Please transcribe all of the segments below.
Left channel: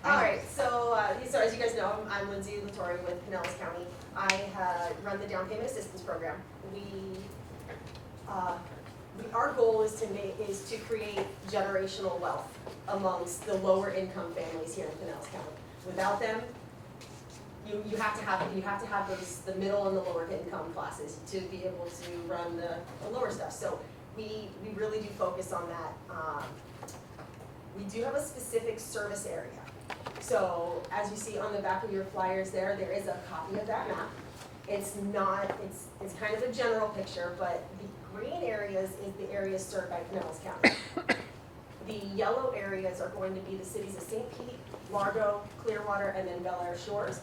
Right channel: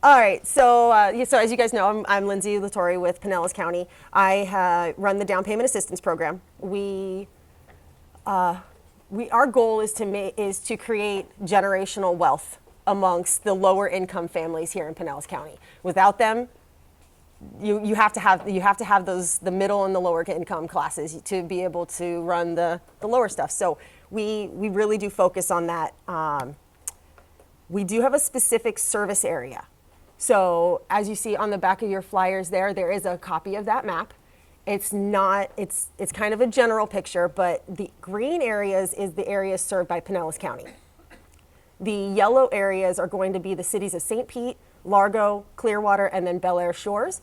All right, so so as you guys know, I'm Lindsay Latore with Pinellas County. I run the down payment assistance program. Our goal is to create generational wealth amongst the lower income families here in Pinellas County. Without them, you have to have those, the middle and the lower income classes, to be able to run the lower stuff. So we really do focus on that. We do have a specific service area. So as you see on the back of your flyers there is a copy of that map. It's kind of a general picture, but the green areas is the areas served by Pinellas County. The yellow areas are going to be the cities of St. Pete, Largo, Clearwater, and then Bel Air Shores.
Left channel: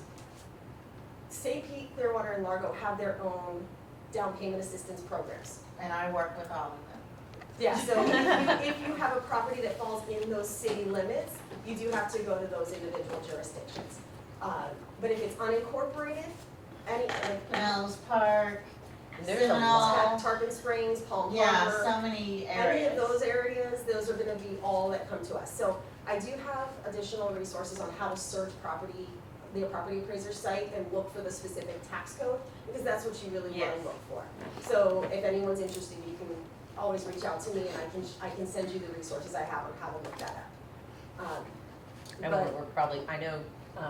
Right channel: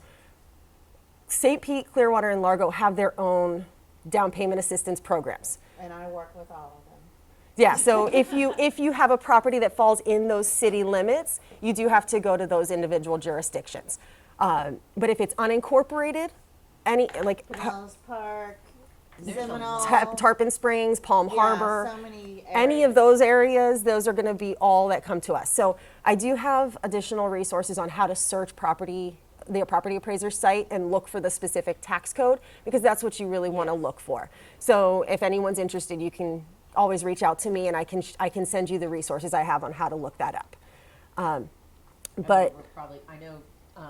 St. Pete, Clearwater, and Largo have their own down payment assistance programs. And I work with all of them. Yeah, so if you have a property that falls in those city limits, you do have to go to those individual jurisdictions. But if it's unincorporated, any like Wells Park, There's a Seminole, Tarpon Springs, Palm Harbor, so many any of those areas, those are going to be all that come to us. So I do have additional resources on how to search the property appraiser's site and look for the specific tax code, because that's what you really want to look for. So if anyone's interested, you can always reach out to me, and I can send you the resources I have on how to look that up. But we're probably, I know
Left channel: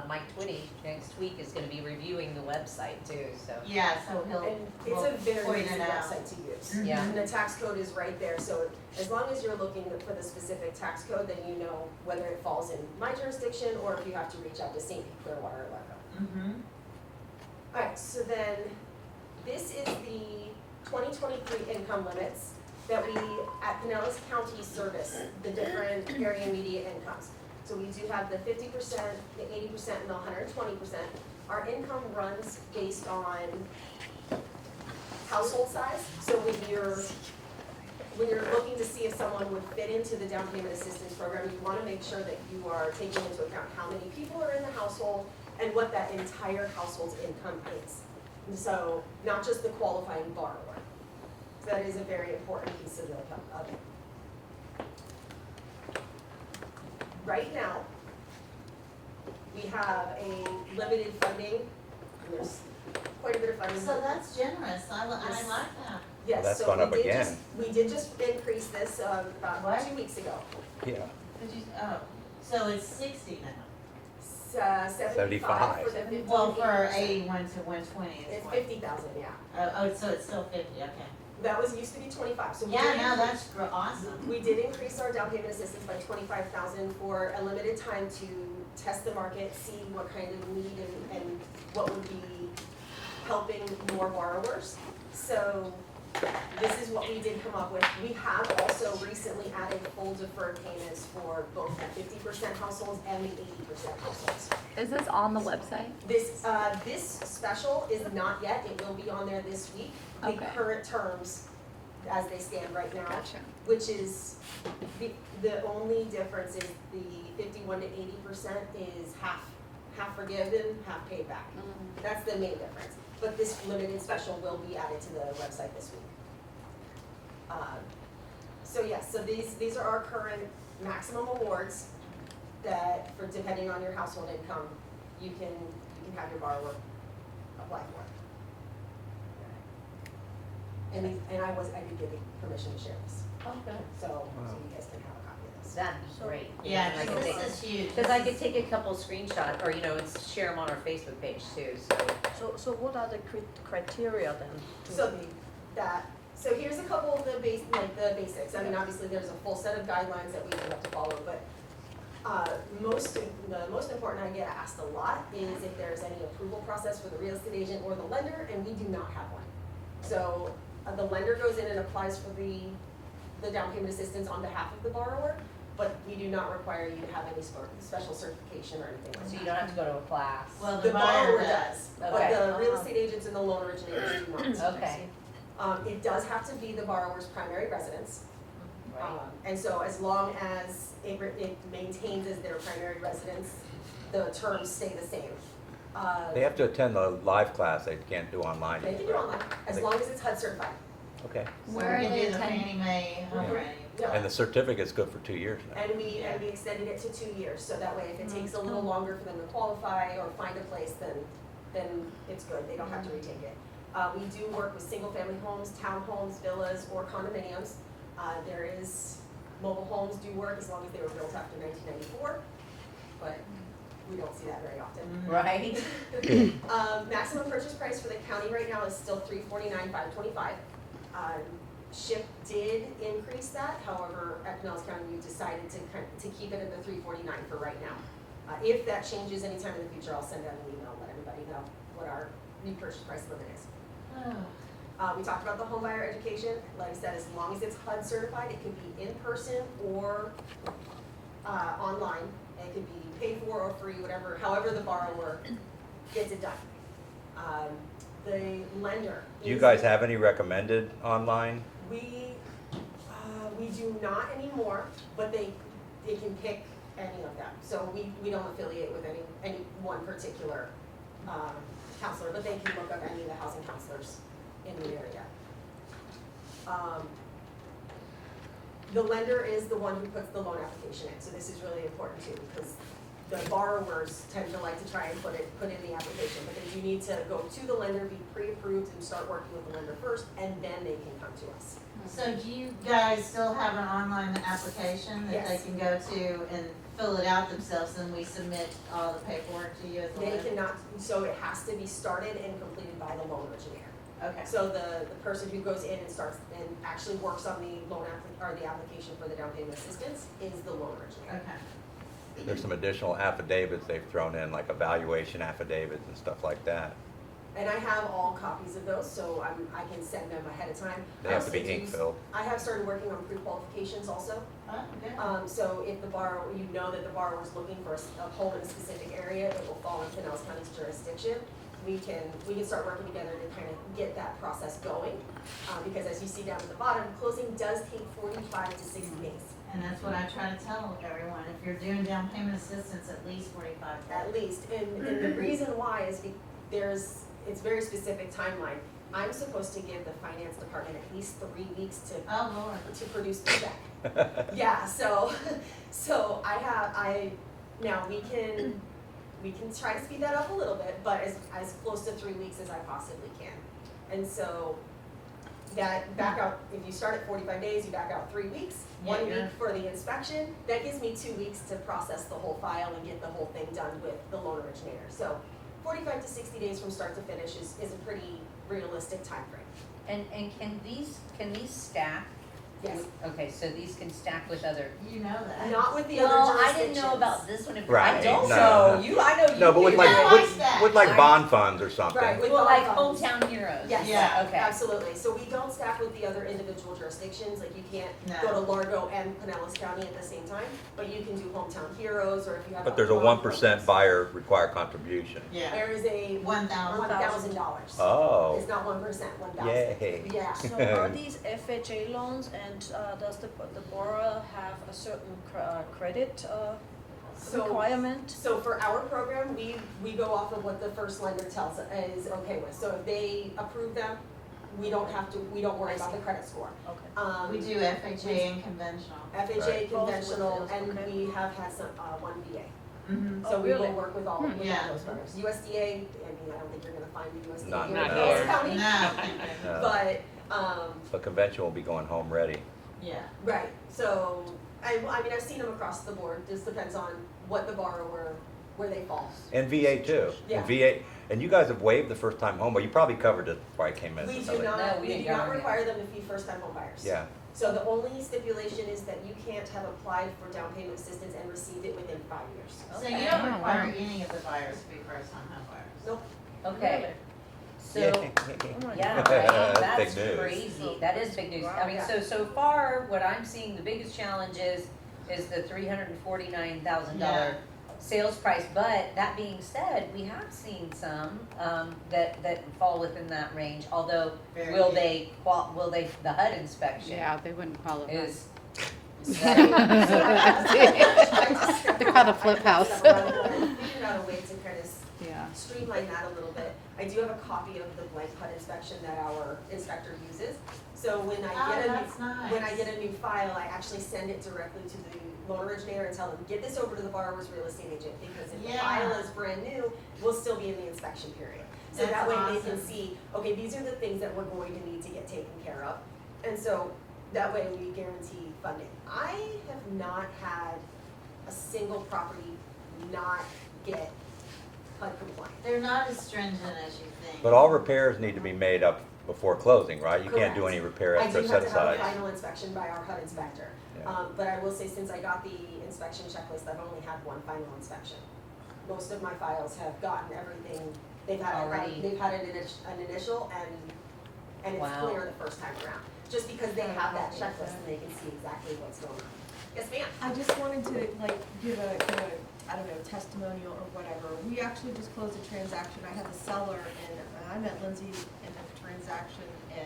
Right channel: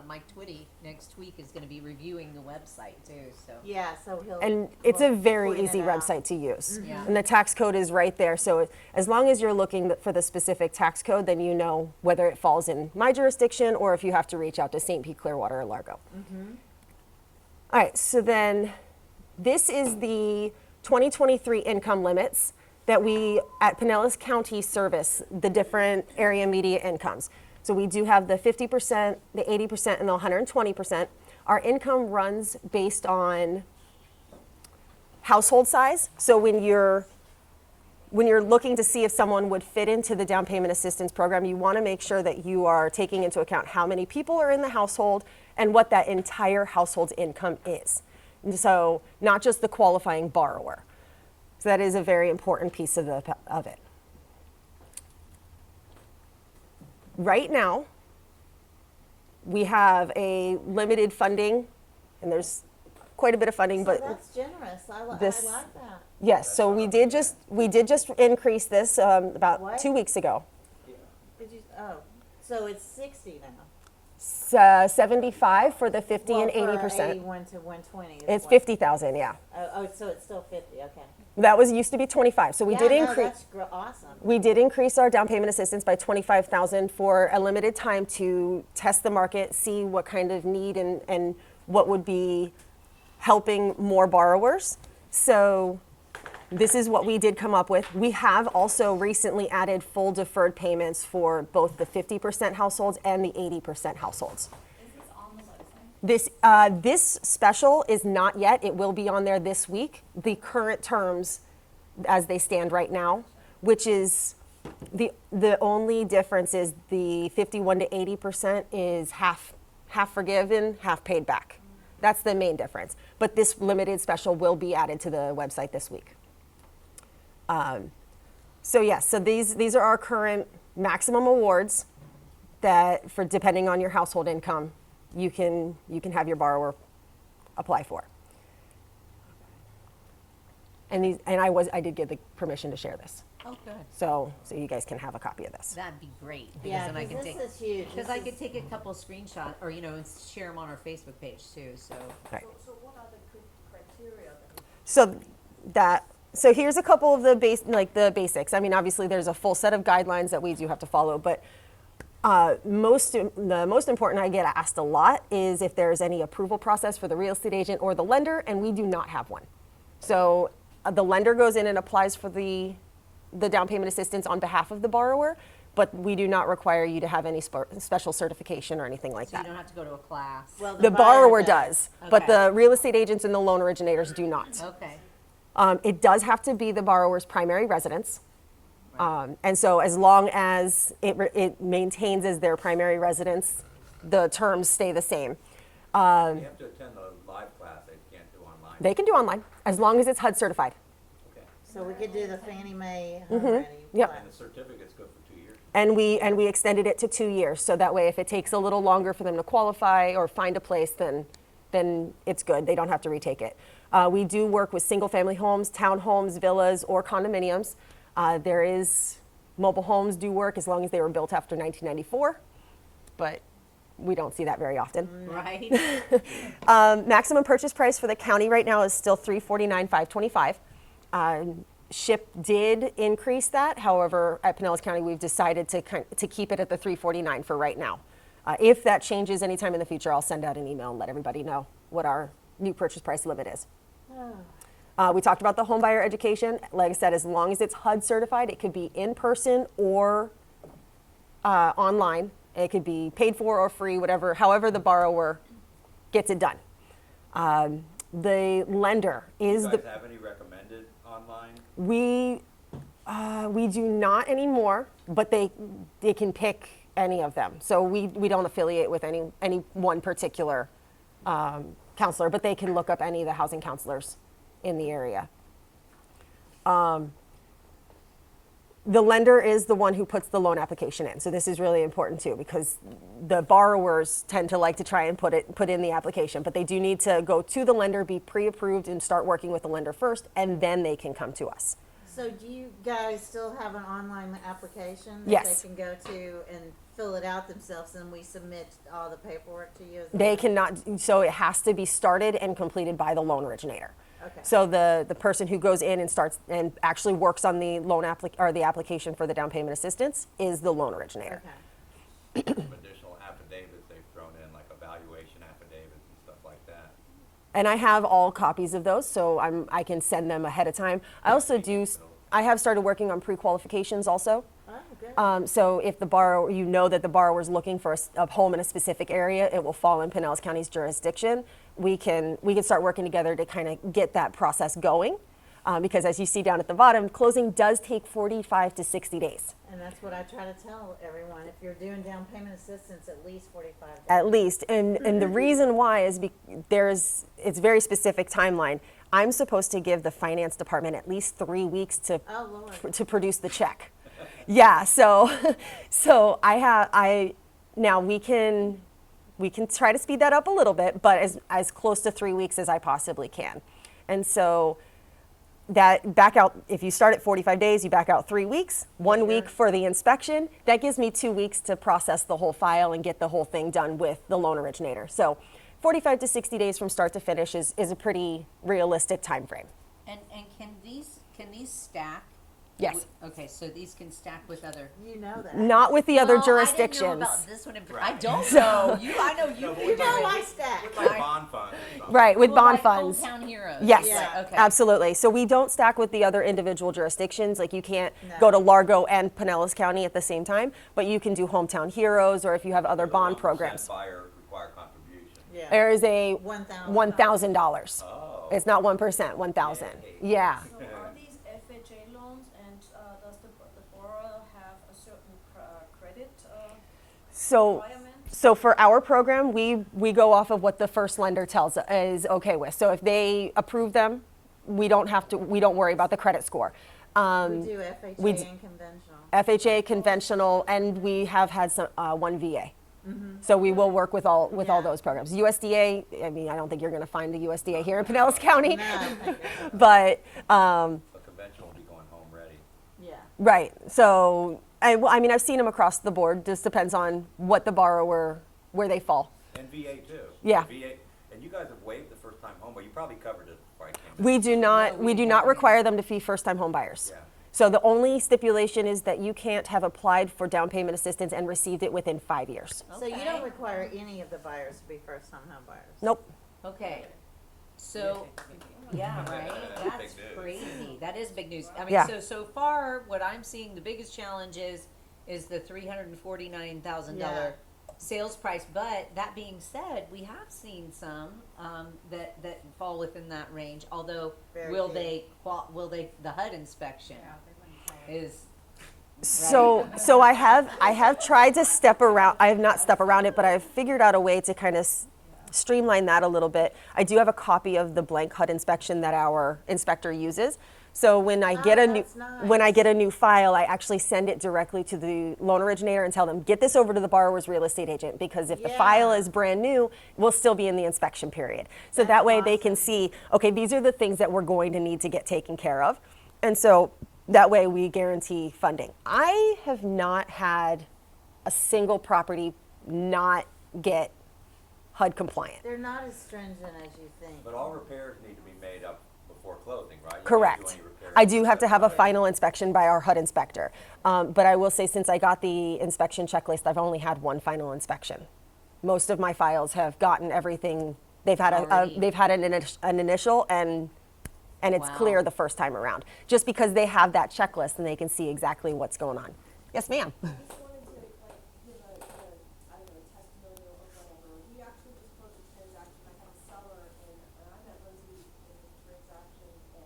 Mike Twitty next week is going to be reviewing the website too. So and it's a very point easy it out. website to use. Yeah. And the tax code is right there. So as long as you're looking for the specific tax code, then you know whether it falls in my jurisdiction or if you have to reach out to St. Pete, Clearwater, or Largo. All right, so then this is the 2023 income limits that we at Pinellas County service the different area media incomes. So we do have the 50%, the 80%, and the 120%. Our income runs based on household size. So when you're looking to see if someone would fit into the down payment assistance program, you want to make sure that you are taking into account how many people are in the household and what that entire household's income is. And so not just the qualifying borrower. So that is a very important piece of it. Right now, we have a limited funding, and there's quite a bit of funding, but that's generous. I like this- that. yes, That's so gone we up did again. we did just increase this about What? 2 weeks ago. Yeah. So it's 60 now. It's 75 for the 50 and Well, for 80%. 81 to 120. It's what? 50,000, yeah. So it's still 50. Okay. That used to be 25. So we did increase. That's awesome. We did increase our down payment assistance by 25,000 for a limited time to test the market, see what kind of need and what would be helping more borrowers. So this is what we did come up with. We have also recently added full deferred payments for both the 50% households and the 80% households. Is this on the website? This special is not yet. It will be on there this week. The Okay. current terms as they stand right now, Gotcha. which is the only difference is the 51 to 80% is half forgiven, half paid back. That's the main difference. But this limited special will be added to the website this week. So yes, so these are our current maximum awards that, for depending on your household income, you can have your borrower apply for. And I did give the permission to share this, Oh, good. so you guys can have a copy of this. that'd be great. Yeah, because then I could take, this is huge. because I could take a couple screenshots or and share them on our Facebook page too. So what are the criteria then? So here's a couple of the basics. I mean, obviously there's a full set of guidelines that we do have to follow, but the most important I get asked a lot is if there's any approval process for the real estate agent or the lender, and we do not have one. So the lender goes in and applies for the down payment assistance on behalf of the borrower, but we do not require you to have any special certification or anything like So you that. don't have to go to a class. Well, The borrower does, but Okay. the real estate agents and the loan originators do not. Okay. It does have to be the borrower's primary residence. And so as long as it maintains as their primary residence, the terms stay the same. They have to attend the live class, they can't do online. They can do online, as long as it's HUD certified. Okay. So Where we are can they do the attending? Fannie Mae. Mhm. already. Yep. And the certificate's good for 2 years now. And we extended it to 2 years, so that way if it takes a little longer for them to qualify or find a place, then it's good. They don't have to retake it. We do work with single-family homes, townhomes, villas, or condominiums. There is mobile homes do work as long as they were built after 1994, but we don't see that very often. Right? Maximum purchase price for the county right now is still $349,525. SHIP did increase that. However, at Pinellas County, we've decided to keep it at the $349 for right now. If that changes anytime in the future, I'll send out an email and let everybody know what our new purchase price limit is. We talked about the home buyer education. Like I said, as long as it's HUD certified, it could be in person or online. It could be paid for or free, however the borrower gets it done. The lender Do is. you guys have any recommended online? We do not anymore, but they can pick any of them. So we don't affiliate with any one particular counselor, but they can look up any of the housing counselors in the area. The lender is the one who puts the loan application in. So this is really important too, because the borrowers tend to like to try and put in the application, but they do need to go to the lender, be pre-approved, and start working with the lender first, and then they can come to us. So do you guys still have an online application that Yes. they can go to and fill it out themselves, and we submit all the paperwork to you? As a They lender? cannot, so it has to be started and completed by the loan originator. Okay. So the person who goes in and starts and actually works on the loan or the application for the down payment assistance is the loan originator. Okay. There's some additional affidavits they've thrown in, like evaluation affidavits and stuff like that. And I have all copies of those, so I can send them ahead of time. They I have to also be do. ink-filled. I have started working on pre-qualifications also. Oh, good. So if the borrower, you know that the borrower is looking for a home in a specific area, it will fall in Pinellas County's jurisdiction. We can start working together to kind of get that process going, because as you see down at the bottom, closing does take 45 to 60 days. And that's what I try to tell everyone. If you're doing down payment assistance, at least 45 days. At least, and the reason why is it's very specific timeline. I'm supposed to give the finance department at least 3 weeks to Oh, Lord. to produce the check. Yeah, so now we can try to speed that up a little bit, but as close to 3 weeks as I possibly can. And so that back out, if you start at 45 days, you back out 3 weeks, 1 Yeah. week for the inspection. That gives me 2 weeks to process the whole file and get the whole thing done with the loan originator. So 45 to 60 days from start to finish is a pretty realistic time frame. And can these stack? Yes. Okay, so these can stack with other. You know that. Not with the other Well, jurisdictions. I didn't know about this one. I Right. don't So- know. I know you. No, but with do. like, Yeah, with, that. with like bond funds or something. Right, with Well, bond like funds. Hometown Heroes. Yes, Yeah, okay. absolutely. So we don't stack with the other individual jurisdictions. Like you can't No. go to Largo and Pinellas County at the same time, but you can do Hometown Heroes, or if you have But other there's a bond 1% programs. buyer required contribution. Yeah. There is a $1,000. $1,000. Oh. It's not 1%, 1,000. Yay. Yeah. So are these FHA loans, and does the borrower have a certain credit So, requirement? so for our program, we go off of what the first lender tells is okay with. So if they approve them, we don't worry about the credit score. Okay. We do FHA we d- and conventional. FHA, Right. conventional, Okay. and we have had some one VA. Mhm. So we will Really? work with all Yeah. those programs. USDA, I mean, I don't think you're going to find the USDA Not here in really. Pinellas County, No. but So convention will be going home ready. Yeah. right. So I mean, I've seen them across the board. Just depends on what the borrower, where they fall. And VA too. Yeah. And VA, and you guys have waived the first time home, but you probably covered it before I came in. We do not. No, We we do not don't. require them to be first-time home buyers. Yeah. So the only stipulation is that you can't have applied for down payment assistance and received it within 5 years. So you don't require any of the buyers to be first-time home buyers? Nope. Okay. So, Oh my yeah, God. right, Big that's news. crazy. That is big news. I mean, Yeah. so far, what I'm seeing, the biggest challenge is the $349,000 sales price. But that being said, we have seen some, that fall within that range, although Very will good. they, the HUD inspection Yeah, they wouldn't qualify. is So I have tried to step around, I have not flip stepped around it, but I've figured out a way to kind of Yeah. streamline that a little bit. I do have a copy of the blank HUD inspection that our inspector uses. So when I get a new, that's nice. when I get a new file, I actually send it directly to the loan originator and tell them, get this over to the borrower's real estate agent, because if the file Yeah. is brand new, we'll still be in the inspection period. So That's that way they can awesome. see, okay, these are the things that we're going to need to get taken care of. And so that way we guarantee funding. I have not had a single property not get HUD compliant. They're not as stringent as you think. But all repairs need to be made up before closing, right? You can't do Correct. any repairs. I do have set to have a aside. final inspection by our HUD inspector. Yeah. But I will say, since I got the inspection checklist, I've only had one final inspection. Most of my files have gotten everything, they've had Already. they've had an initial and it's Wow. clear the first time around. Just because they have that checklist and they can see exactly what's going on. Yes, ma'am? I just wanted to like give a I don't know, testimonial or whatever. We actually just closed a transaction. I had the seller and I met Lindsay in the transaction and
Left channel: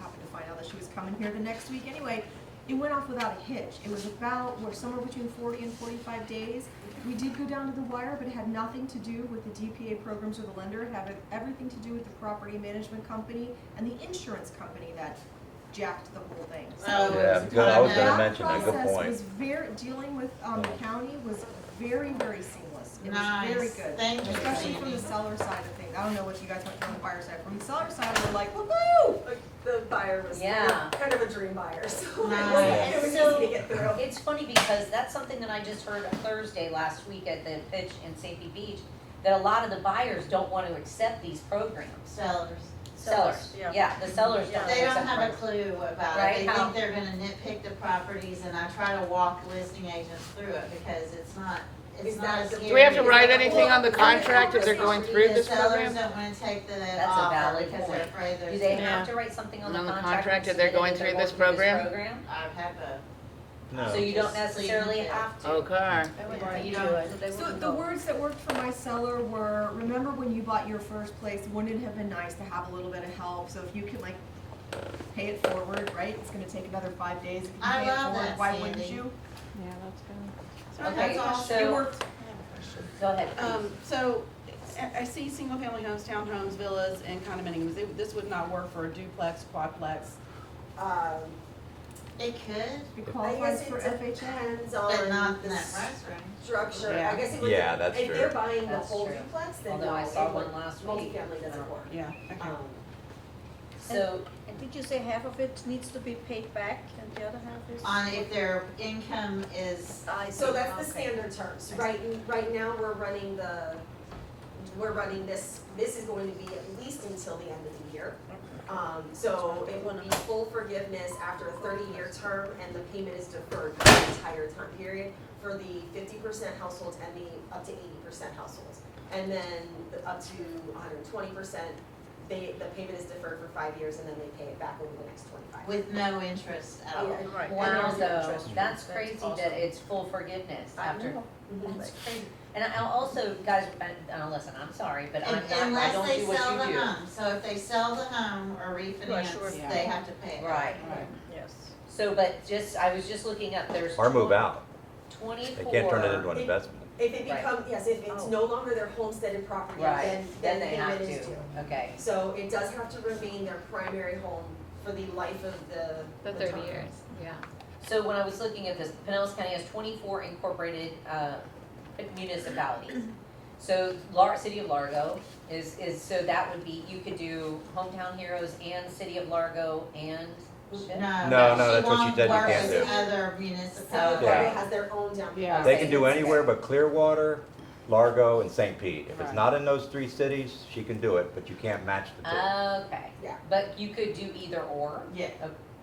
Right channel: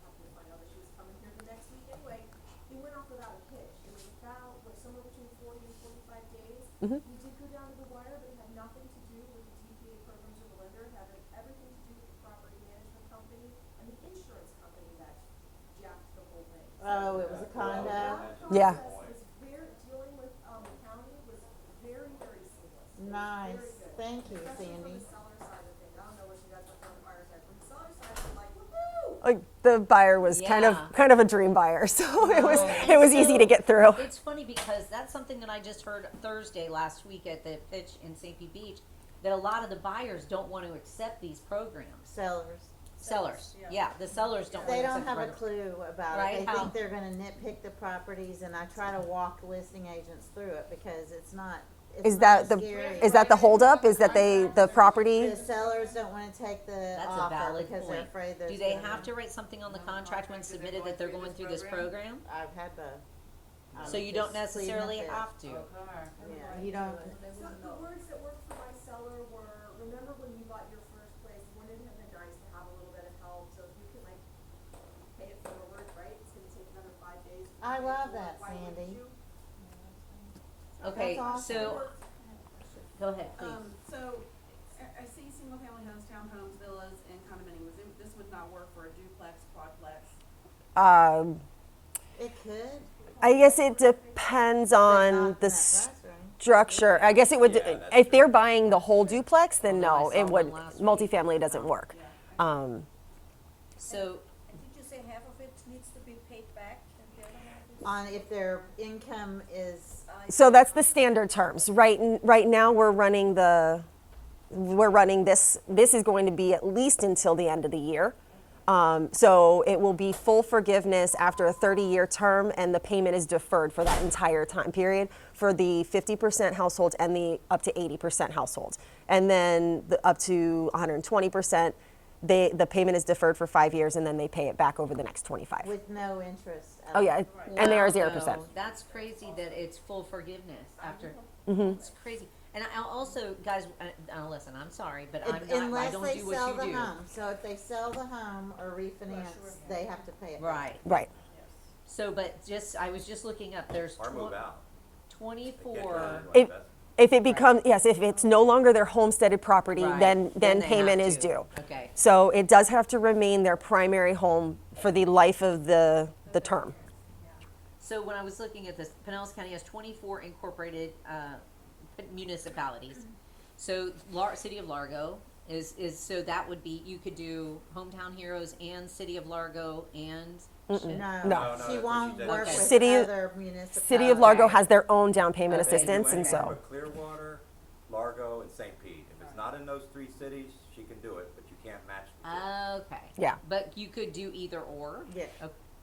happened to find out that she was coming here the next week. Anyway, it went off without a hitch. It was about, we're somewhere between 40 and 45 days. We did go down to the wire, but it had nothing to do with the DPA programs or the lender. It had everything to do with the property management company and the insurance company that jacked the whole thing. So Oh, Yeah, it was a good. I was ton gonna of- mention Yeah. that. Good process point. was very, dealing with the county was very, very seamless. It was Nice. very good. Thank you, Especially from the Sandy. seller side of things. I don't know what you guys went from the buyer side. From the seller side, we're like, woohoo! Like, the buyer was Yeah. kind of a dream buyer, so Nice. it was easy to get through. It's funny because that's something that I just heard Thursday last week at the pitch in St. Pete Beach, that a lot of the buyers don't want to accept these programs. Sellers. Sellers, yeah. yeah, the sellers don't They don't accept have a programs. clue about Right, it. They how- think they're gonna nitpick the properties, and I try to walk listing agents through it because it's not, Is it's that not the- as Do we have to Is scary. that write the anything holdup? on the Is that they- contract the if they're going property- through The this sellers program? don't wanna take the That's a offer valid because they're point. afraid there's. Do they gonna- have to write something on the On the contract contract and that they're submit going that through they're this going through program? this program? I'd have to. No. So you don't Just leave necessarily it there. have to. Okay. I would Yeah, agree you to don't- it, they So wouldn't the go. words that worked for my seller were, remember when you bought your first place, wouldn't it have been nice to have a little bit of help? So if you can like pay it forward, right? It's gonna take another 5 days. If you I pay it love forward, that, why wouldn't Sandy. you? Yeah, that's good. Okay, That's awesome. It so, worked. go ahead, please. So, I see single-family homes, townhomes, villas, and condominiums. This would not work for a duplex, quadplex. Um, It could, It I guess qualifies it for FHA. depends but on not in the that price range. structure. I guess it would, Yeah, that's if they're true. buying the That's whole true. duplex, then Although I no, saw it would, one last week. multifamily doesn't work. Yeah. okay. So, And did you say half of it needs to be paid back and the other half is? On if their income is, I So see. that's the Okay. standard terms. Right now, we're running this is going to be at least until the end of the year. So it will be full forgiveness after a 30-year term, and the payment is deferred for the entire time period for the 50% households and the up to 80% households. And then the up to 120%, the payment is deferred for 5 years, and then they pay it back over the next 25. with no interest at Oh, all. yeah, Right. and they are wow, 0%. though, that's crazy that awesome. it's full forgiveness I after. know. Mhm. That's crazy. And I'll also, guys, listen, I'm sorry, but I'm not, I Unless don't they do what sell you the do. home, so if they sell the home or Right, sure. refinance, Yeah. they have to pay it. Right. Right. Yes. So, but I was just looking up, there's. Or move out. 24. They can't turn it into an If- investment. If it becomes, yes, if it's no longer their homesteaded property, Right. then they payment have is to. due. Okay. So it does have to remain their primary home for the life of the term. Yeah. So when I was looking at this, Pinellas County has 24 incorporated municipalities. So City of Largo is, so that would be, you could do Hometown Heroes and City of Largo and. No, No, no, she that's what she won't said you work can't with do. other municipalities. City of Largo Okay. has their own down payment They assistance. can do and anywhere so- but Clearwater, Largo, and St. Pete. If it's Right. not in those 3 cities, she can do it, but you can't match the 2. Okay. Yeah. But you could do either or. Yeah.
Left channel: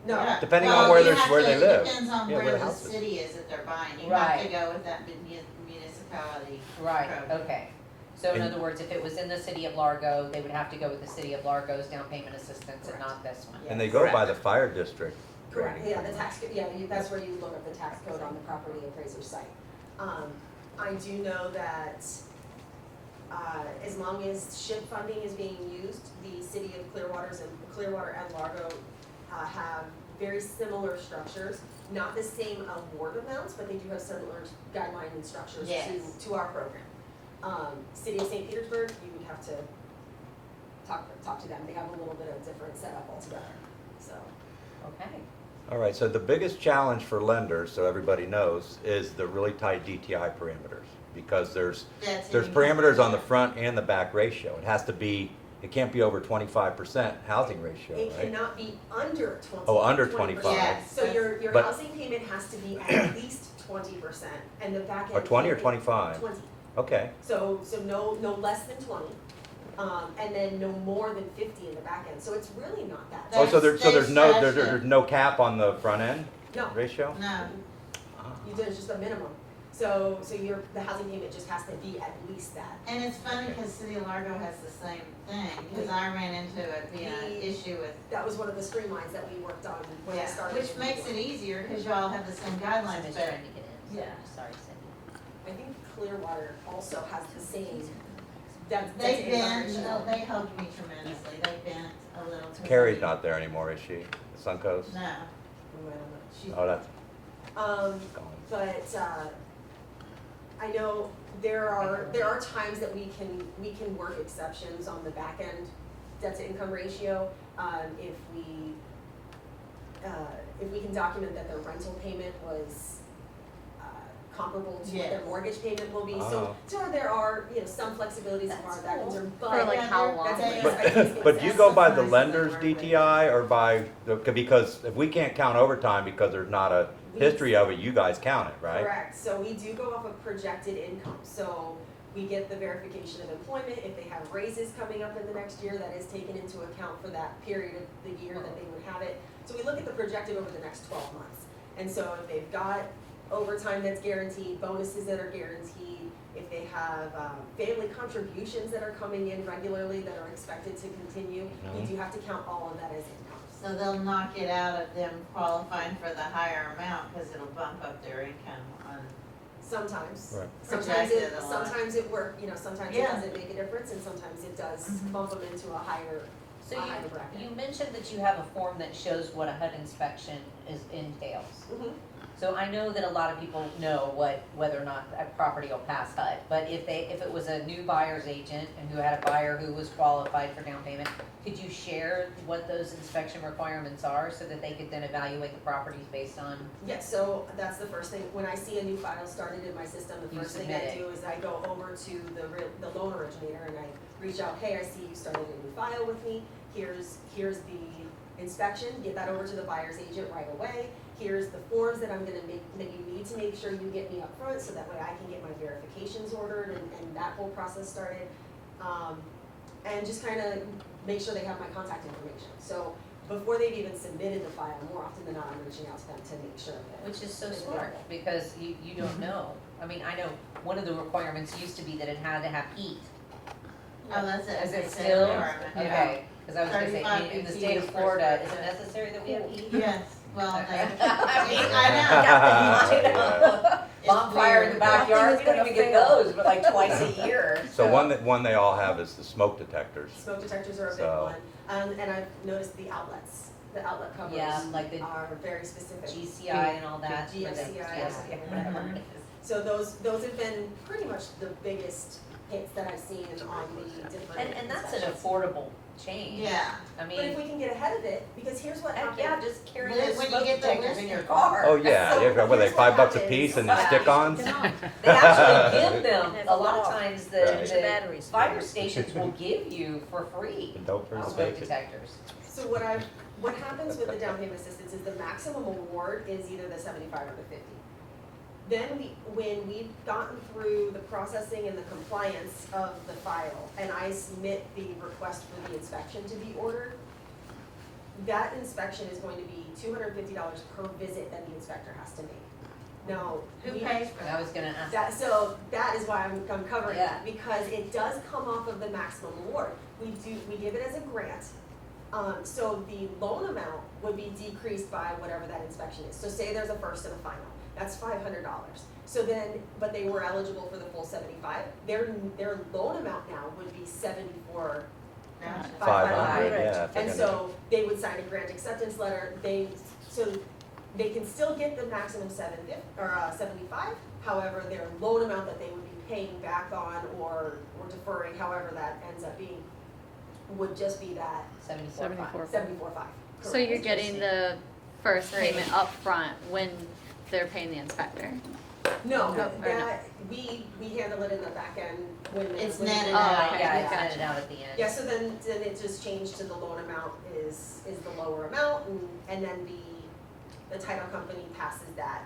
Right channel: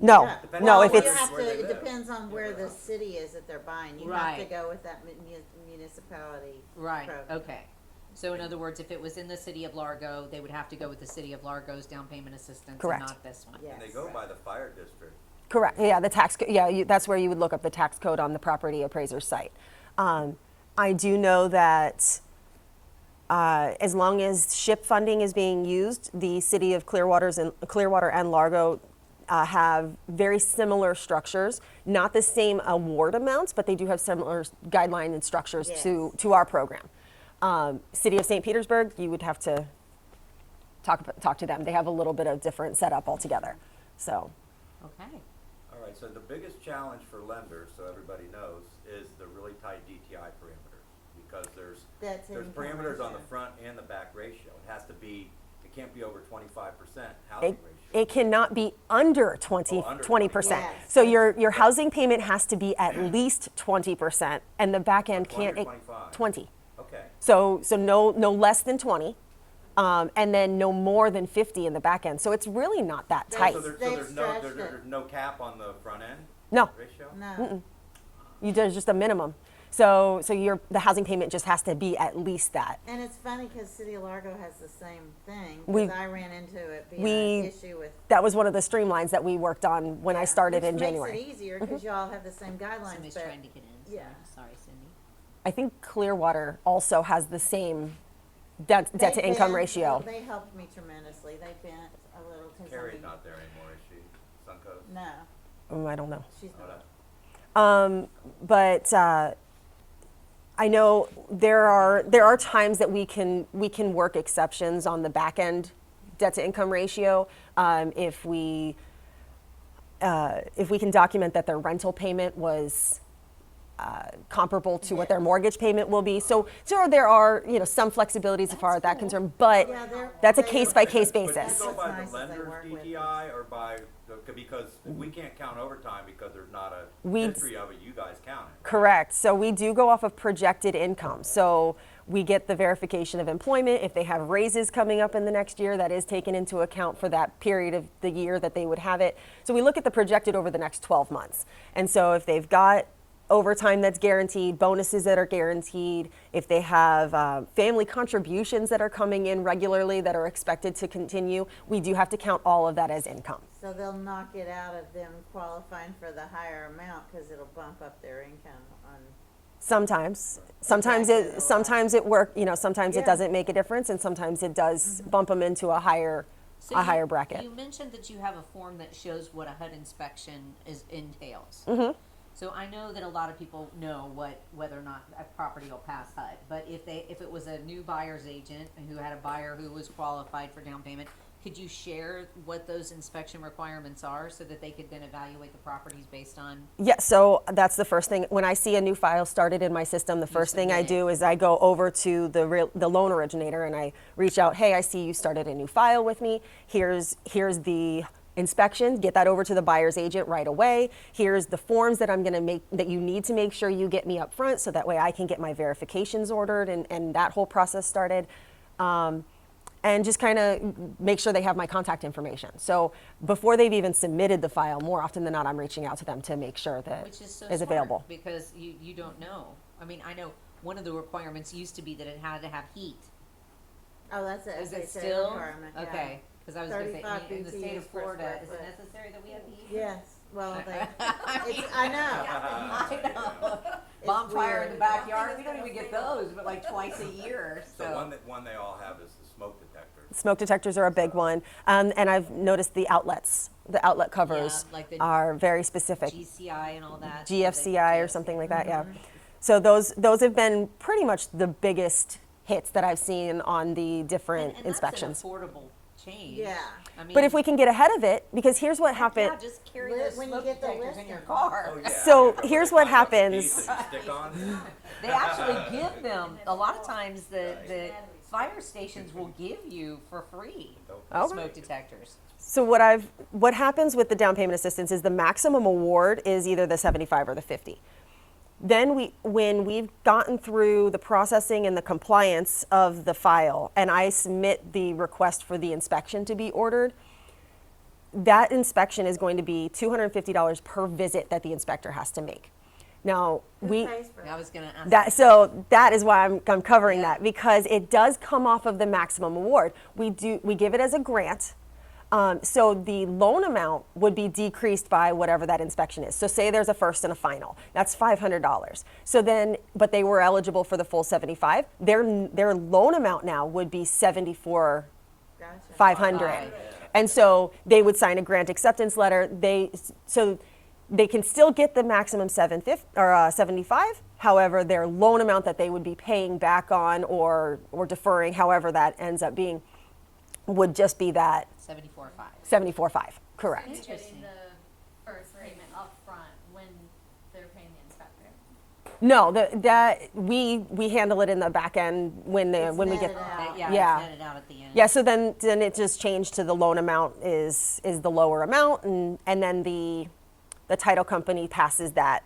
No, Yeah. Depending No, on if where, it's- where they live. It depends on Yeah, where the the house is. city is that they're buying. You have to Right. go with that municipality. Right, program. okay. So in And- other words, if it was in the City of Largo, they would have to go with the City of Largo's down payment assistance and Correct. not this one. And they go by the fire district. correct, yeah, the tax, yeah, that's where you would look up the tax code on the property appraiser's site. I do know that as long as SHIP funding is being used, the city of Clearwater and Largo have very similar structures. Not the same award amounts, but they do have similar guideline and structures Yes. to our program. City of St. Petersburg, you would have to talk to them. They have a little bit of different setup altogether. So, Okay. All right, so the biggest challenge for lenders, so everybody knows, is the really tight DTI parameters. Because there's That's in parameters on the ratio. front and the back ratio. It has to be, it can't be over 25% housing ratio. it right? cannot be under 20, Oh, under 20%. 25. Yes. So your But- housing payment has to be at least 20%, and the back Or end 20 or can't- 25? 20. Okay, So no less than 20, and then no more than 50 in the back end. So it's really not that oh, tight. so there's They no, stretch there's it. no cap on the front end No, ratio? No, there's just a minimum. So the housing payment just has to be at least that. and it's funny because City of Largo has the same thing, We- because I ran into it being we- an issue with. That was one of the streamlines that we worked on when I Yeah, started in Which January. makes it easier because y'all have the same guidelines, Cindy's but trying to get in. yeah. Sorry, Cindy. I think Clearwater also has the same debt to they income bent, ratio. They helped me tremendously. They bent a little. 'cause Carrie's they- not there anymore, is she? Suncoast? No, I don't know. she's. Oh, that's Um, gone. but I know there are times that we can work exceptions on the back end debt to income ratio if we can document that their rental payment was comparable to what their Yes. mortgage payment will be. So Ah. there are there some flexibilities as far as that concerned, but Like how long? that's a they- case by case basis. But do you go by the Sometimes they lender's work with- DTI or by, because if we can't count overtime because there's not a We- history of it, you guys count it, right? Correct. So we do go off of projected income. So we get the verification of employment. If they have raises coming up in the next year, that is taken into account for that period of the year that they would have it. So we look at the projected over the next 12 months. And so if they've got overtime that's guaranteed, bonuses that are guaranteed, if they have family contributions that are coming in regularly that are expected to continue, we do have to count all of that as income. So they'll knock it out of them qualifying for the higher amount because it'll bump up their income on. Sometimes, Right. sometimes Projected a lot. sometimes it sometimes it Yeah. doesn't make a difference, and sometimes it does bump them into a higher So higher bracket. You mentioned that you have a form that shows what a HUD inspection entails. Mhm. So I know that a lot of people know whether or not a property will pass HUD, but if it was a new buyer's agent and who had a buyer who was qualified for down payment, could you share what those inspection requirements are so that they could then evaluate the properties based on? Yeah, so that's the first thing. When I see a new file started in my system, the first thing I submit it. do is I go over to the loan originator and I reach out, hey, I see you started a new file with me. Here's the inspection, get that over to the buyer's agent right away. Here's the forms that I'm gonna make, that you need to make sure you get me up front so that way I can get my verifications ordered and that whole process started. And just kind of make sure they have my contact information. So before they've even submitted the file, more often than not, I'm reaching out to them to make sure that Which is so it's smart, available. because you don't know. I mean, I know one of the requirements used to be that it had to have heat. Oh, that's it. Is it It's a still? requirement, yeah. Okay, because I was gonna say, 35 in the BTUs state of per Florida, is square it foot. necessary that we have heat? Yes, well, they, Yeah. It's Bonfire in the weird. backyard, we Nothing is don't even gonna get fail. those, but like twice a year. So one they all have is the smoke detectors. Smoke detectors are a big So- one, and I've noticed the outlets, the outlet covers Yeah, like the are very specific. GCI and all that. GFCI Yeah. or something like that, yeah. Mhm. So those have been pretty much the biggest hits that I've seen on the different And inspections. that's an affordable change. Yeah. I mean. But if we can get ahead of it, because here's what heck happened. Yeah, just carry When- those when you smoke get the detectors in your lister. car. Oh, yeah. So Yeah, here's what $5 a happens. piece and the stick-ons? They actually give them, Have a lot of a lot. times Right. the Batteries. fire stations will give you for free Don't Oh. smoke make it. detectors. So what happens with the down payment assistance is the maximum award is either the 75 or the 50. Then when we've gotten through the processing and the compliance of the file, and I submit the request for the inspection to be ordered, that inspection is going to be $250 per visit that the inspector has to make. Now, Who we pays for I that? was gonna ask. that is why I'm covering Yeah. that, because it does come off of the maximum award. We give it as a grant. So the loan amount would be decreased by whatever that inspection is. So say there's a first and a final, that's $500. So then, but they were eligible for the full 75. Their loan amount now would be 74. Gotcha. 500. Yeah, And so they would sign a grant acceptance letter. So they can still get the maximum 75. However, their loan amount that they would be paying back on or deferring, however that ends up being, would just be that 74.5. 74.5. Correct. So you're getting the first payment up front when they're paying the inspector? No, that we handle it in the back end when It's we netted get. out. Oh, yeah, Yeah. it's netted out at the end. Yeah, so then it just changed to the loan amount is the lower amount, and then the title company passes that,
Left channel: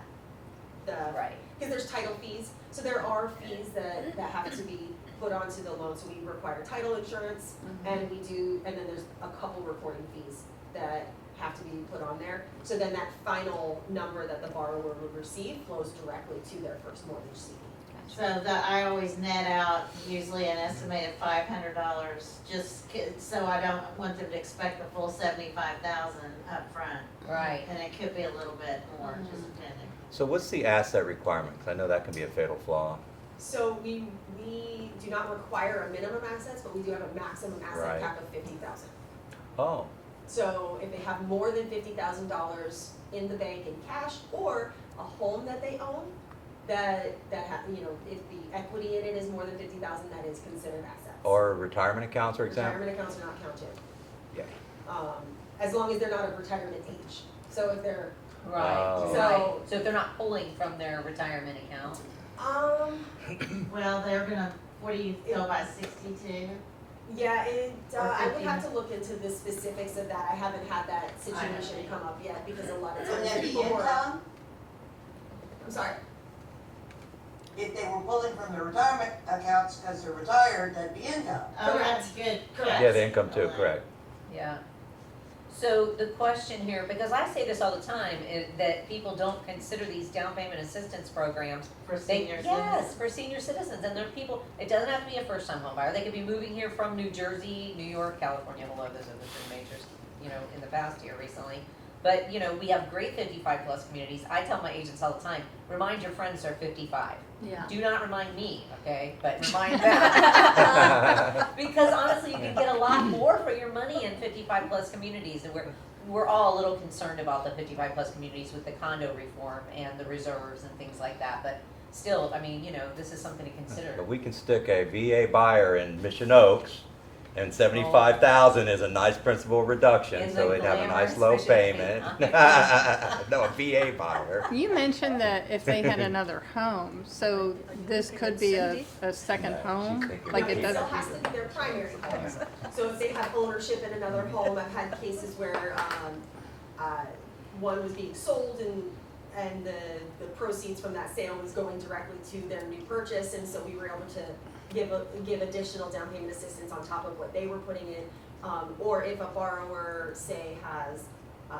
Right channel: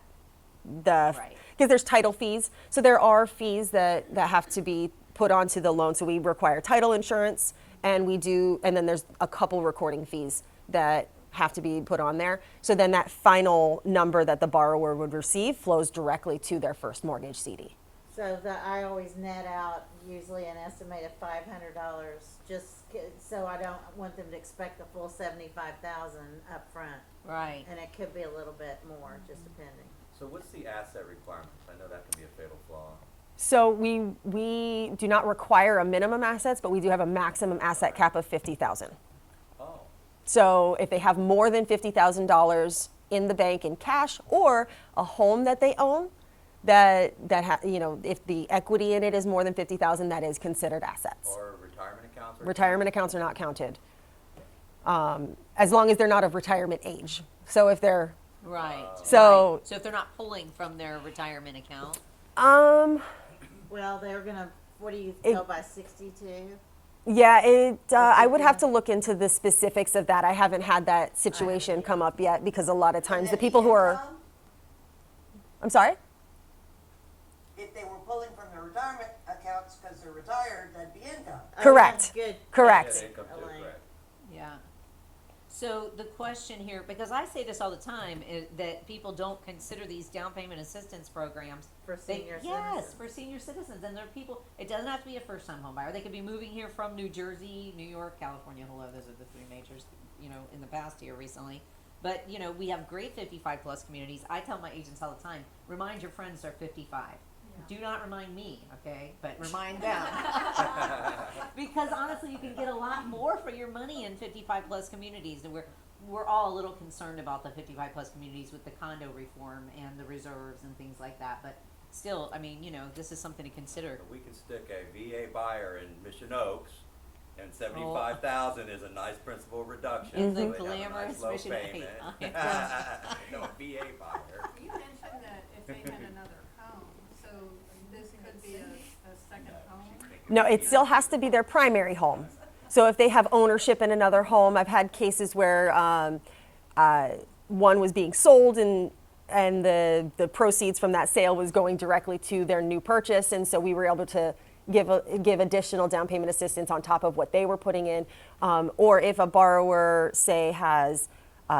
Right. because there's title fees, so there are fees that have to be put onto the loan, so we require title insurance, and then there's a couple recording fees that have to be put on there, so then that final number that the borrower would receive flows directly to their first mortgage CD. So I always net out usually an estimated $500, so I don't want them to expect the full 75,000 up front. Right. And it could be a little bit more, just depending. So what's the asset requirement? 'Cause I know that can be a fatal flaw. So we do not require a minimum assets, but we do have a maximum asset Right. cap of 50,000. Oh, So if they have more than $50,000 in the bank in cash or a home that they own, if the equity in it is more than 50,000, that is considered assets. or retirement accounts or exempt? Retirement accounts are not counted, Yeah. as long as they're not of retirement age. So if they're, Right. Oh. So- Right. So if they're not pulling from their retirement account, Well, they're gonna, what do you go by 62? yeah, I would have to look into the specifics of that. I haven't had that situation come up yet because a lot of times the people who are, I'm sorry? If they were pulling from their retirement accounts because they're retired, that'd be income. Oh, Correct. that's good. Correct. Yeah, the income too, correct. yeah. So the question here, because I say this all the time, is that people don't consider these down payment assistance programs. For They, senior yes, citizens. for senior citizens, and there are people, it doesn't have to be a first time home buyer, they could be moving here from New Jersey, New York, California, although those are the three majors, in the past year recently. But, we have great 55 plus communities, I tell my agents all the time, remind your friends they're 55. Yeah. Do not remind me, okay, but remind them. Because honestly, you can get a lot more for your money in 55 plus communities, and we're all a little concerned about the 55 plus communities with the condo reform and the reserves and things like that, but still, this is something to consider. But we can stick a VA buyer in Mission Oaks, and 75,000 is a nice principal reduction, In so the they'd have a nice glamorous low Mission payment. Oaks. No, a VA buyer. You mentioned that if they had another home, so this could be a second home? No, Like it still has to be their primary home. So if they have ownership in another home, I've had cases where one was being sold and the proceeds from that sale was going directly to their new purchase, and so we were able to give additional down payment assistance on top of what they were putting in. Or if a borrower, say, has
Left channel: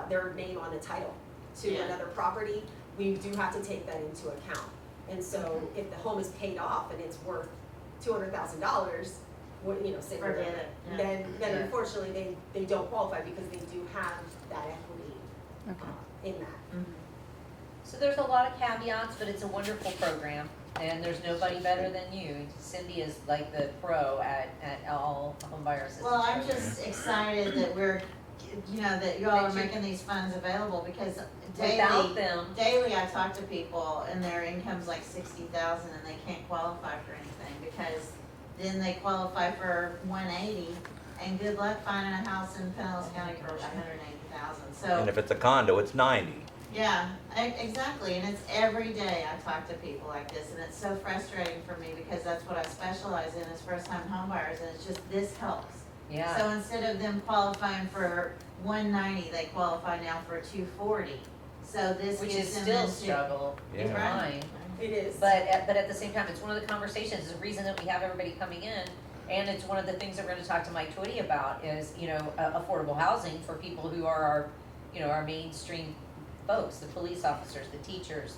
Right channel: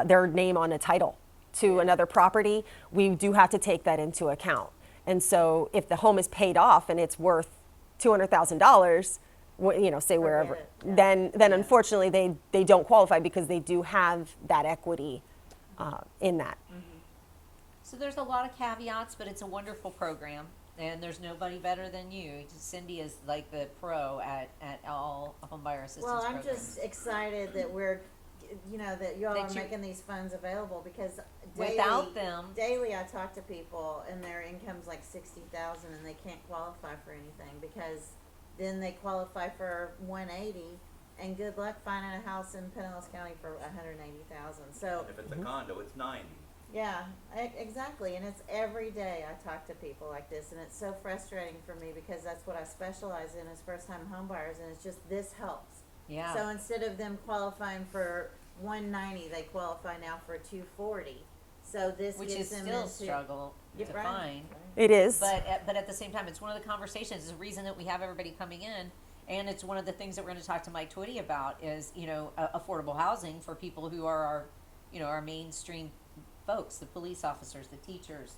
their name on a title to another property, we do have to take that into account. And so if the home is paid off and it's worth $200,000, say wherever, it, yeah. then unfortunately they don't qualify because they do have that equity in that. So there's a lot of caveats, but it's a wonderful program, and there's nobody better than you. Cindy is like the pro at all home buyer assistance Well, I'm programs. just excited that that y'all are making these funds available because Without them, daily I talk to people and their income's like 60,000 and they can't qualify for anything because then they qualify for 180 and good luck finding a house in Pinellas County for 180,000. So And if it's a condo, it's 90. yeah, exactly, and it's every day I talk to people like this, and it's so frustrating for me because that's what I specialize in is first-time homebuyers, and it's just this helps. yeah. So instead of them qualifying for 190, they qualify now for 240. So this Which gives is them still a into- struggle in Yeah. mine. It is. But at the same time, it's one of the conversations, it's the reason that we have everybody coming in. And it's one of the things that we're gonna talk to Mike Twitty about is, affordable housing for people who are our mainstream folks, the police officers, the teachers,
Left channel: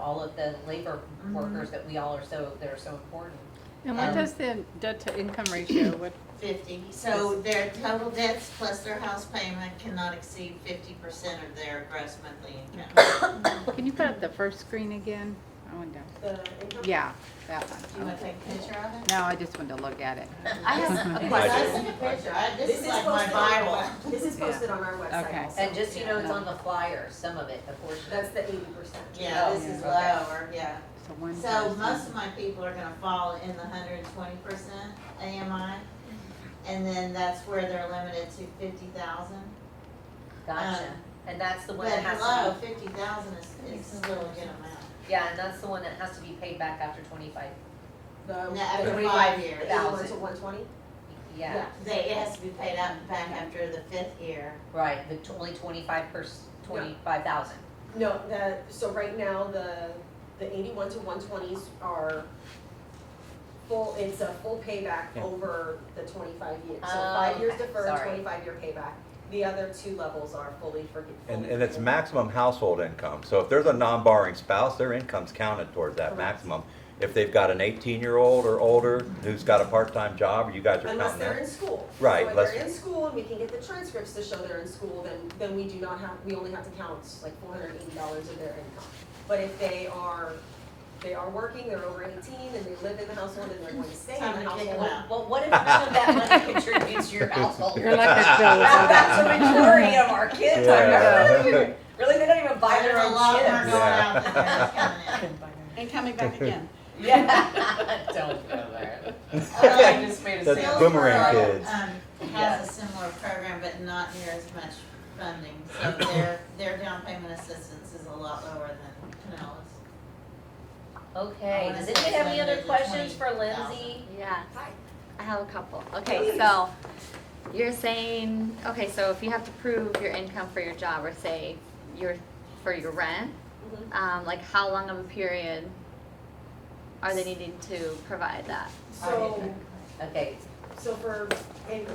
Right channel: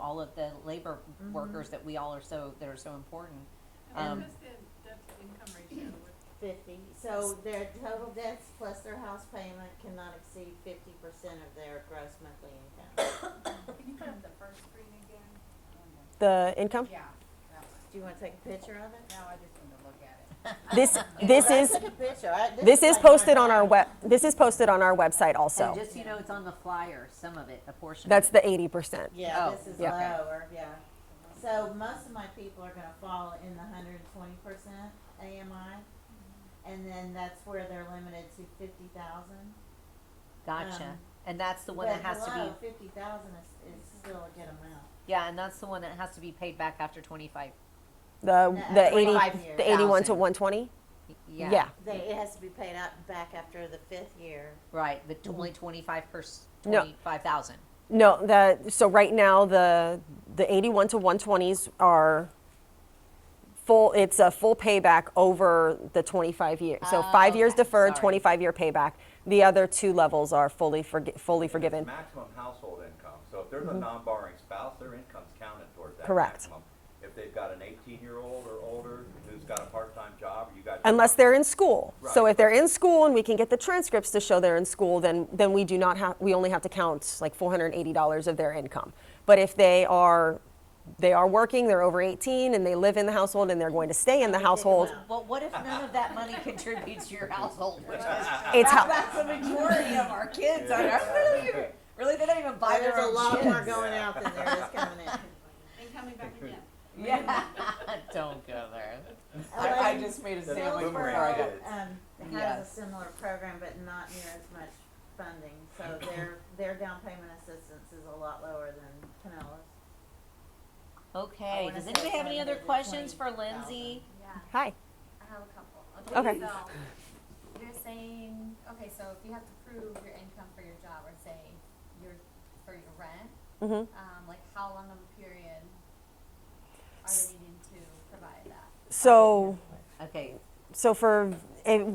all of the labor workers that are so important. And what does the debt to income ratio, what, 50. So their total debts plus their house payment cannot exceed 50% of their gross monthly income. can you put up the first screen again? I went down. The income? Yeah, That Do you one. wanna take a picture of it? No, I just wanted to look at it. This This is like posted my on our Bible. this is posted on our website Okay. also. And just so you know, it's on the flyer, some of it, a portion. That's the 80%. Yeah, Oh, this is yeah. lower, yeah. So one So person. most of my people are gonna fall in the 120% AMI. And then that's where they're limited to 50,000. Gotcha. And that's the one But that has below to be, 50,000 is still a good amount. yeah, and that's the one that has to be paid back after 25. The after 80 5 years. the 81 to 120? Yeah. Yeah. It has to be paid out back after the 5th year. Right, only 25 No. 25,000. No, so right now the 81 to 120s are full, it's a full payback over the 25 years. So Oh, 5 years okay, deferred, sorry. 25-year payback. The other two levels are fully And it's forgiven. maximum household income. So if there's a non-borrowing spouse, their income's counted towards that Correct. maximum. If they've got an 18-year-old or older who's got a part-time job, you guys are Unless counting they're that. in school. Right, So if they're unless- in school and we can get the transcripts to show they're in school, then we do not have, we only have to count like $480 of their income. But if they are working, they're over 18 and they live in the household and they're going to stay in the household. Well, what if none of that money contributes to your household? You're like a bill. That's the majority of our kids. Yeah. Really, they don't even buy their There's a own lot more chips. going out than there is coming in. And coming back again. Yeah. Don't go there. I just made a That's sales boomerang promo. kids. Has Yes. a similar program, but not near as much funding, so their down payment assistance is a lot lower than Pinellas. Okay, I does wanna anybody say have any other 7 to questions for 20,000. Lindsay? Yeah, Hi. I have a couple. Okay, Okay. so you're saying, okay, so if you have to prove your income for your job, or say for your rent, Mhm. like how long of a period are they needing to provide that? So. Okay, So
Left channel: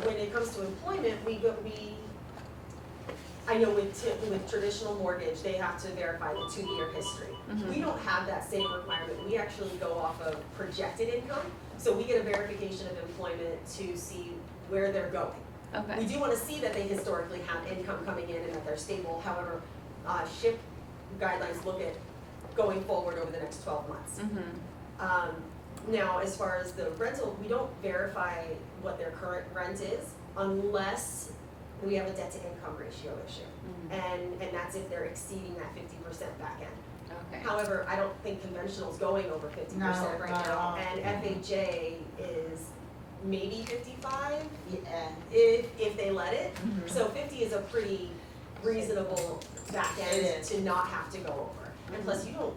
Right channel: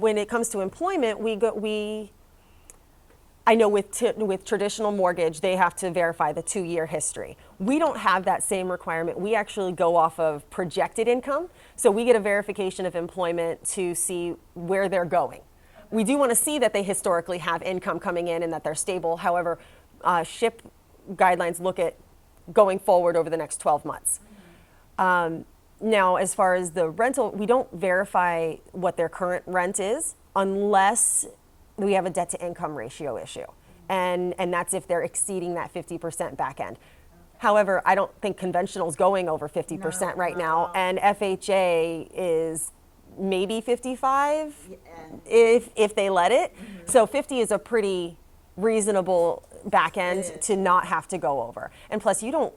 when it comes to employment, I know with traditional mortgage, they have to verify the 2-year history. We don't have that same requirement. We actually go off of projected income. So we get a verification of employment to see where they're going. Okay. We do want to see that they historically have income coming in and that they're stable. However, SHIP guidelines look at going forward over the next 12 months. Now, as far as the rental, we don't verify what their current rent is unless we have a debt to income ratio issue. And that's if they're exceeding that 50% back end. Okay. However, I don't think conventional's going over 50% No, right not at now, all. and FHA is maybe 55 Yeah. if they let it. So 50 is a pretty reasonable back end It is. to not have to go over. And plus, you don't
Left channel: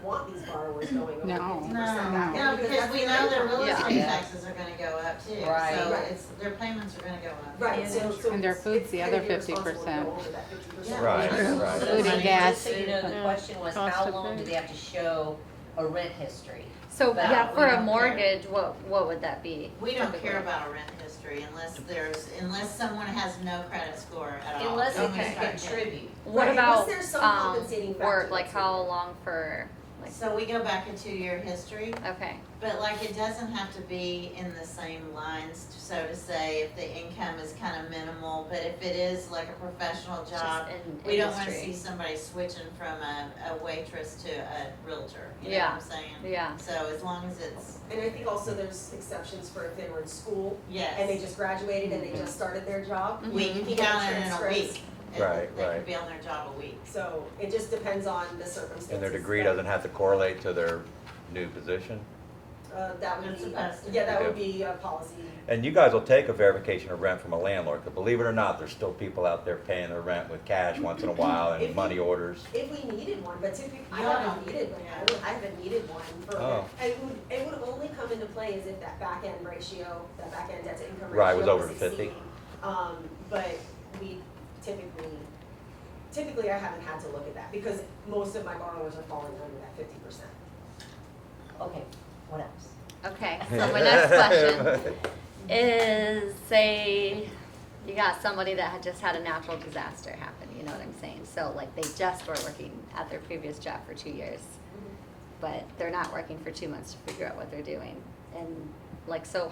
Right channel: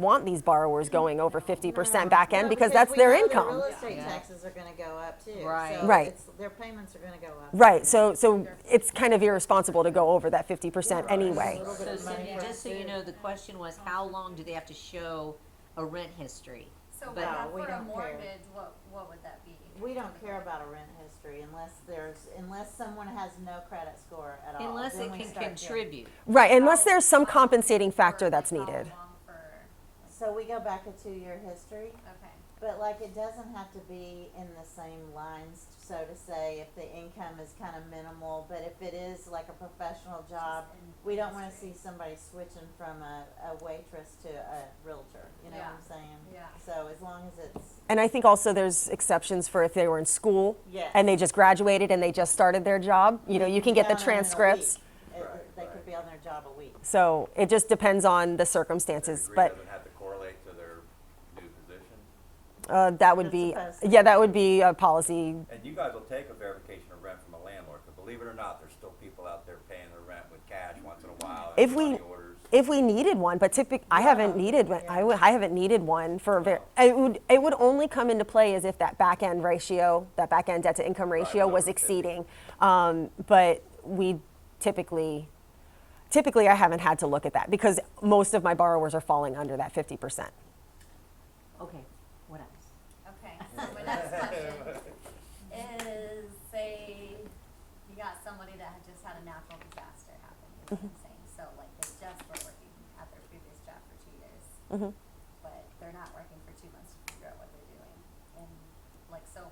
want these borrowers going over No. 50% No. back end No, because that's we their know income. Their real estate Yeah. taxes are gonna go up too. Right. So Right. their payments are gonna go up. Right, so And their food's it's the kind of other irresponsible to go 50%. over that 50% Right, anyway. right. Food and gas. Just so you know, the Yeah. question was, Cost how of long do food. they have to show a rent history? So That yeah, we for a don't care. mortgage, what would that be? We don't typically? care about a rent history unless someone has no credit score at all. Unless Then it we can start getting- contribute. Right, What unless about, there's some compensating factor or, that's like how needed. long for, like, So we go back a 2-year history, okay, but like it doesn't have to be in the same lines, so to say, if the income is kind of minimal, but if it is like a professional job, just in we don't wanna industry. see somebody switching from a waitress to a realtor, you know Yeah. what I'm saying? Yeah. So as long as it's, And I think also there's exceptions for if they were in school yes. and they just graduated and they just started their job. You know, you can get the Count it in a transcripts. week. Right, They right. could be on their job a week. So it just depends on the And circumstances. their degree but, doesn't have to correlate to their new position. that would That's be, supposed to. yeah, that would be a policy. And you guys will take a verification of rent from a landlord, but believe it or not, there's still people out there paying their rent with cash once in a while If and we- money orders. If we needed one, but typically, I haven't Yeah. needed one. I haven't needed one for. Oh. It would only come into play as if that back end ratio, that back end debt to income Right, ratio was was over 50. exceeding. But we typically, I haven't had to look at that because most of my borrowers are falling under that 50%. Okay, what else? okay, so my next question is, say you got somebody that had just had a natural disaster happen, you know what I'm saying? So like they just were working at their previous job for 2 years, Mhm. but they're not working for 2 months to figure out what they're doing. And like, so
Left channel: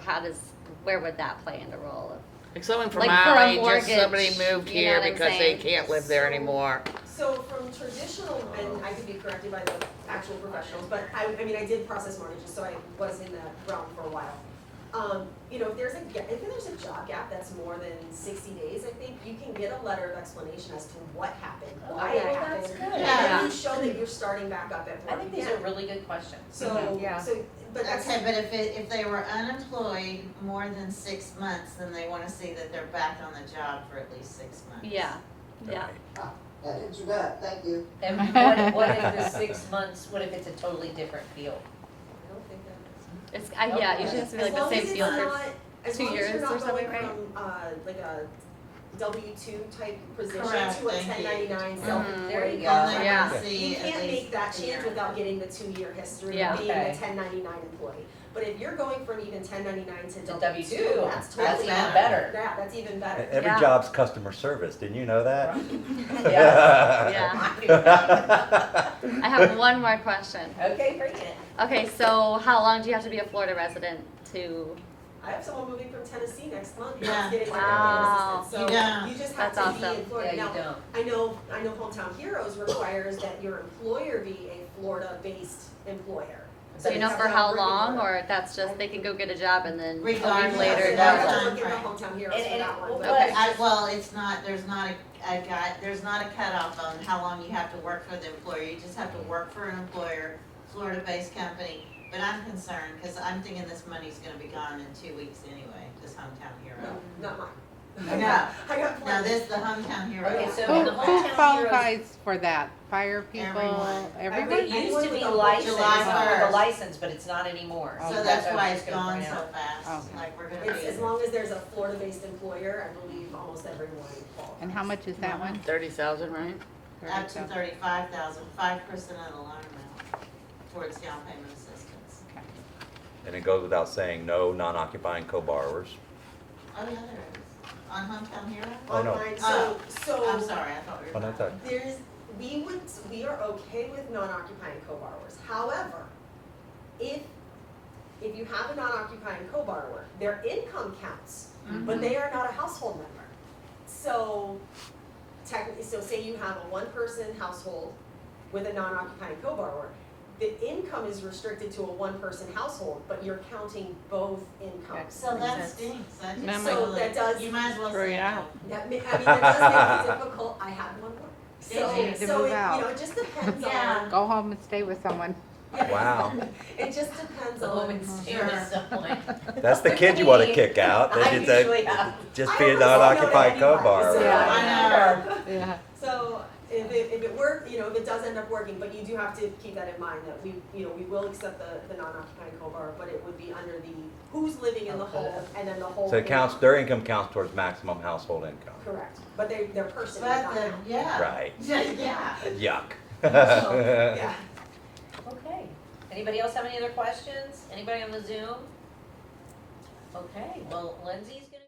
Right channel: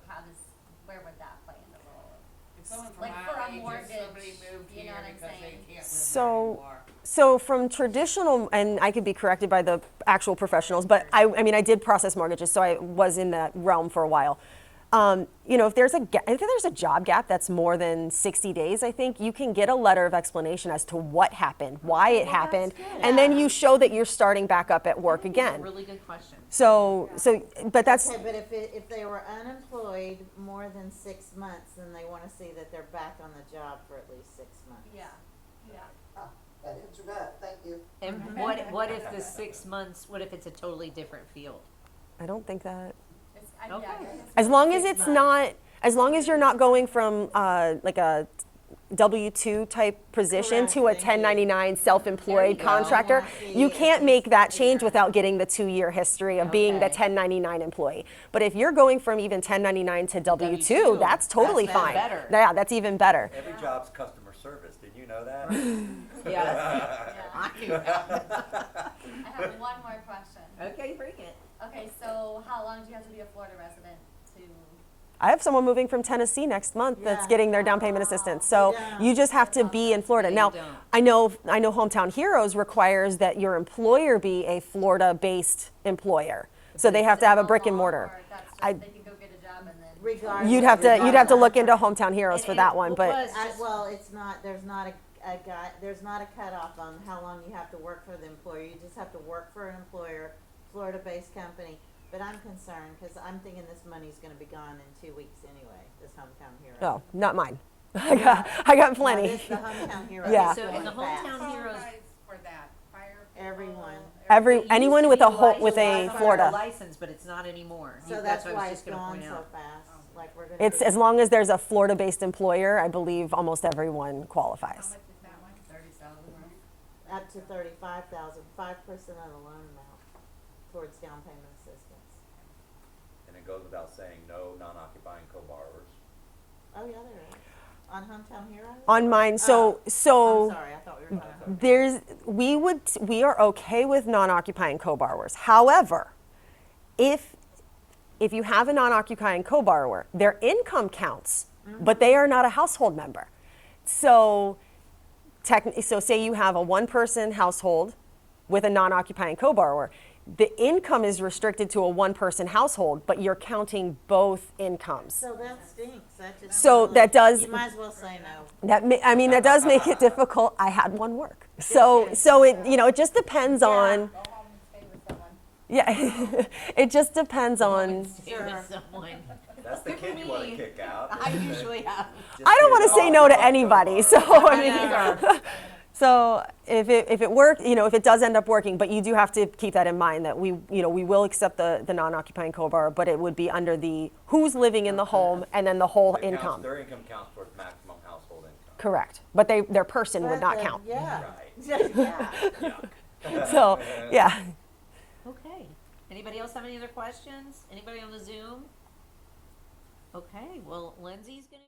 where would that play into role of Like someone from Like my for a age, or mortgage, somebody moved you know here what I'm because they saying? can't live So- there anymore. So from traditional, and I could be corrected by the actual professionals, but I mean, I did process mortgages, so I was in that realm for a while. You know, if there's a job gap that's more than 60 days, I think you can get a letter of explanation as to what happened, why it happened, and then you show that you're starting back up at work These again. are really good questions. So, but that's, Okay, but if they were unemployed more than 6 months, then they wanna see that they're back on the job for at least 6 months. Yeah, yeah. That answered that, thank you. And what if the 6 months, what if it's a totally different field? I don't think that. It's, yeah, usually it's As like long the as same it's field. not, as 2 long as you're years not or going something, from like a W-2 type position to a Correct, thank you. 1099 There self-employed you go. contractor, Yeah. you can't make that change Yeah. without getting the 2-year history Yeah. of being the Okay. 1099 employee. But if you're going from even 1099 to W-2, W2, that's totally that's fine. better. Yeah, that's even better. Every Yeah. job's customer service, didn't you know that? Yeah. Yeah. I have one more question. Okay, bring it. Okay, so how long do you have to be a Florida resident to? I have someone moving from Tennessee next month that's Yeah. getting their down payment Wow. assistance. So Yeah. you just have That's to be awesome. in Florida. No, you Now, don't. I know Hometown Heroes requires that your employer be a Florida-based employer. So Do they you know have to for have a how brick and long, mortar. Or that's just, I- they can go get a job and then. Regardless. You'd have to Regardless. look into Hometown Heroes for that one, but Well, it's not, there's not there's not a cutoff on how long you have to work for the employer, you just have to work for an employer, Florida-based company. But I'm concerned, cause I'm thinking this money's gonna be gone in 2 weeks anyway, this Hometown Hero. no, not mine. Yeah. I got No, plenty. this the Hometown Hero. Yeah. So Who, the who Hometown Heroes. qualifies for that? Fire people? Everyone. Every- It anyone used to with be a licensed, with a Florida license, but it's not anymore. So That's that's what I why was it's just gonna gone point so out. fast, Okay. like we're gonna. It's be- as long as there's a Florida-based employer, I believe almost everyone qualifies. And how much is that one? 30,000, right? Up to 35,000, 5% of the loan amount towards down payment assistance. And it goes without saying, no non-occupying co-borrowers. Oh, yeah, there is. On Hometown Hero? On no. mine, I'm so sorry, I thought we were. Well, that's all right. there's we are okay with non-occupying co-borrowers. However, if you have a non-occupying co-borrower, their income counts, but they are not a household member. So so say you have a one-person household with a non-occupying co-borrower, the income is restricted to a one-person household, but you're counting both incomes. So that stinks. That just So really- that does- You might as well Throw say it no. out. That does make it difficult. I had one work. So you so move it out. it just depends on Go home and stay with someone. yeah. Wow. It just depends on. Sure. That's the kid you want to kick out. They I should say, usually have. just I be don't a want to say no to non-occupied anybody. So co-borrower. so if it worked, if it does end up working, but you do have to keep that in mind that we will accept the non-occupying co-borrower, but it would be under the who's living in the home and then the whole So it counts, income. their income counts towards maximum household income. Correct, but their person would not count. Yeah. Right. Yeah. Yuck. So yeah. Okay. Anybody else have any other questions? Anybody on the Zoom? Okay, well, Lindsay's gonna